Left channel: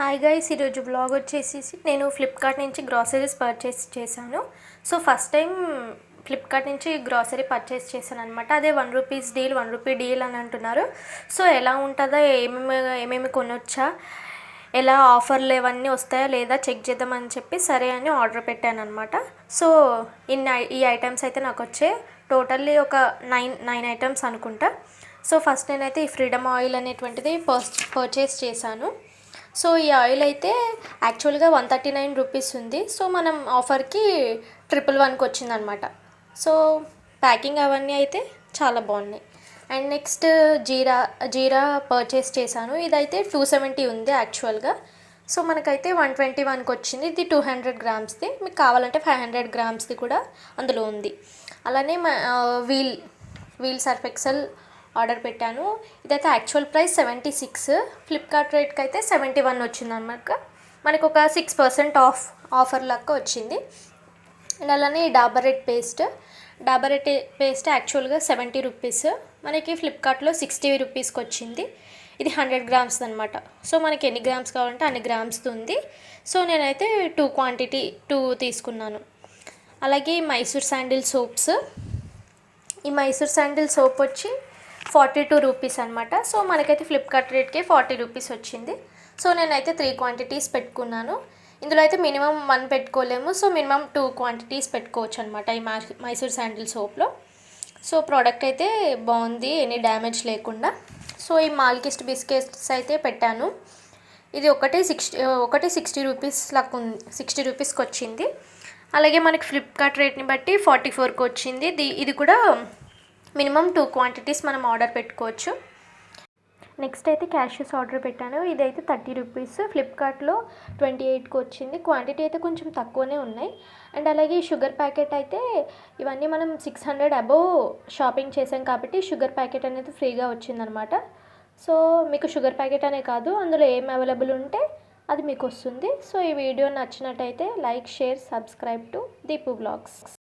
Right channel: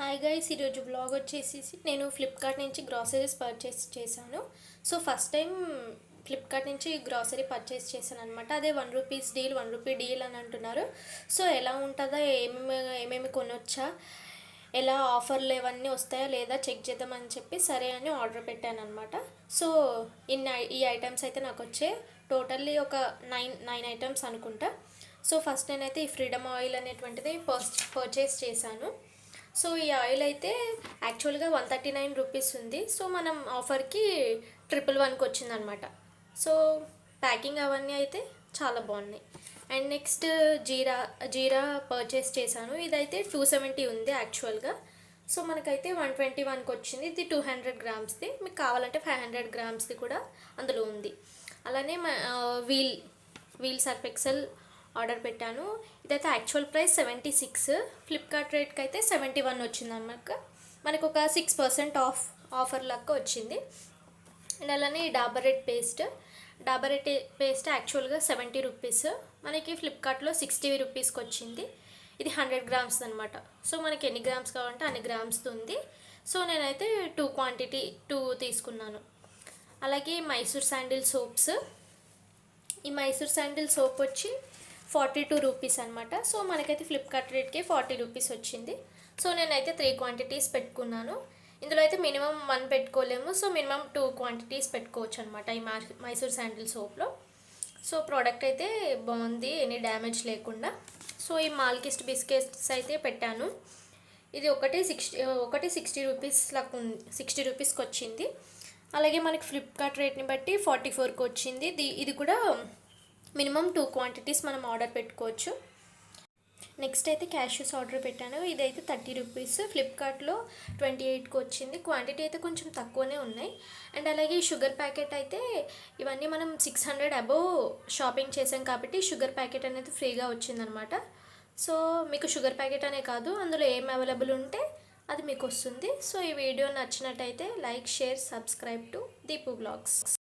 Hi guys, ఈరోజు blog వచ్చేసి నేను ఫ్లిప్కార్ట్ నుంచి గ్రాసరీస్ పర్చేస్ చేశాను. సో ఫస్ట్ టైం ఫ్లిప్కార్ట్ నుంచి గ్రాసరీ పర్చేస్ చేశాను అనమాట. అదే ₹1 డీల్ అని అంటున్నారు. సో ఎలా ఉంటుందో, ఏమేమి కొనొచ్చా, ఎలా ఆఫర్లు ఇవన్నీ వస్తాయా లేదా చెక్ చేద్దామని చెప్పి సరే అని ఆర్డర్ పెట్టాను అనమాట. సో ఈ ఐటమ్స్ అయితే నాకు వచ్చే టోటల్లీ ఒక నైన్ ఐటమ్స్ అనుకుంటా. సో ఫస్ట్ నేనైతే ఈ ఫ్రీడమ్ ఆయిల్ అనేటువంటిది పర్చేస్ చేశాను. సో ఈ ఆయిల్ అయితే యాక్చువల్గా ₹139 ఉంది. సో మనం ఆఫర్కి 111కి వచ్చిందనమాట. సో ప్యాకింగ్ అవన్నీ అయితే చాలా బాగున్నాయి. అండ్ నెక్స్ట్ జీరా పర్చేస్ చేశాను. ఇదైతే 270 ఉంది యాక్చువల్గా. సో మనకైతే 121కి వచ్చింది. ఇది 200 గ్రామ్స్ది. మీకు కావాలంటే 500 గ్రామ్స్ది కూడా అందులో ఉంది. అలానే వీల్ సర్ఫ్ ఎక్సెల్ ఆర్డర్ పెట్టాను. ఇదైతే యాక్చువల్ ప్రైస్ 76, ఫ్లిప్కార్ట్ రేట్కి అయితే 71 వచ్చిందన్నమాట. మనకు ఒక 6% ఆఫర్ లాగా వచ్చింది. అండ్ అలానే డాబర్ రెడ్ పేస్ట్ యాక్చువల్గా ₹70, మనకి ఫ్లిప్కార్ట్లో ₹60కి వచ్చింది. ఇది 100 గ్రామ్స్ అనమాట. సో మనకి ఎన్ని గ్రామ్స్ కావాలంటే అన్ని గ్రామ్స్ ఉంది. సో నేనైతే 2 తీసుకున్నాను. అలాగే మైసూర్ శాండిల్ సోప్స్. ఈ మైసూర్ శాండిల్ సోప్ వచ్చి ₹42 అనమాట. సో మనకైతే ఫ్లిప్కార్ట్ రేట్కి ₹40 వచ్చింది. సో నేనైతే 3 క్వాంటిటీస్ పెట్టుకున్నాను. ఇందులో అయితే మినిమం 1 పెట్టుకోలేము. సో మినిమం 2 క్వాంటిటీస్ పెట్టుకోవచ్చు అనమాట ఈ మైసూర్ శాండిల్ సోప్లో. సో ప్రోడక్ట్ అయితే బాగుంది, ఎనీ డ్యామేజ్ లేకుండా. సో ఈ మాల్కిస్ట్ బిస్కెట్స్ అయితే పెట్టాను. ఇది ఒకటి ₹60 లాగా ఉంది, ₹60కి వచ్చింది. అలాగే మనకి ఫ్లిప్కార్ట్ రేట్ని బట్టి 44కి వచ్చింది. ఇది కూడా మినిమం 2 క్వాంటిటీస్ మనం ఆర్డర్ పెట్టుకోవచ్చు. నెక్స్ట్ అయితే క్యాష్యూస్ ఆర్డర్ పెట్టాను. ఇదైతే ₹30, ఫ్లిప్కార్ట్లో 28కి వచ్చింది. క్వాంటిటీ అయితే కొంచెం తక్కువనే ఉన్నాయి. అండ్ అలాగే షుగర్ ప్యాకెట్ అయితే ఇవన్నీ మనం 600 అబోవ్ షాపింగ్ చేసాం కాబట్టి షుగర్ ప్యాకెట్ అనేది ఫ్రీగా వచ్చిందనమాట. సో మీకు షుగర్ ప్యాకెట్ అనే కాదు, అందులో ఏం అవైలబుల్ ఉంటే అది మీకు వస్తుంది. సో ఈ వీడియో నచ్చినట్టయితే like, share, subscribe to Deepu blogs.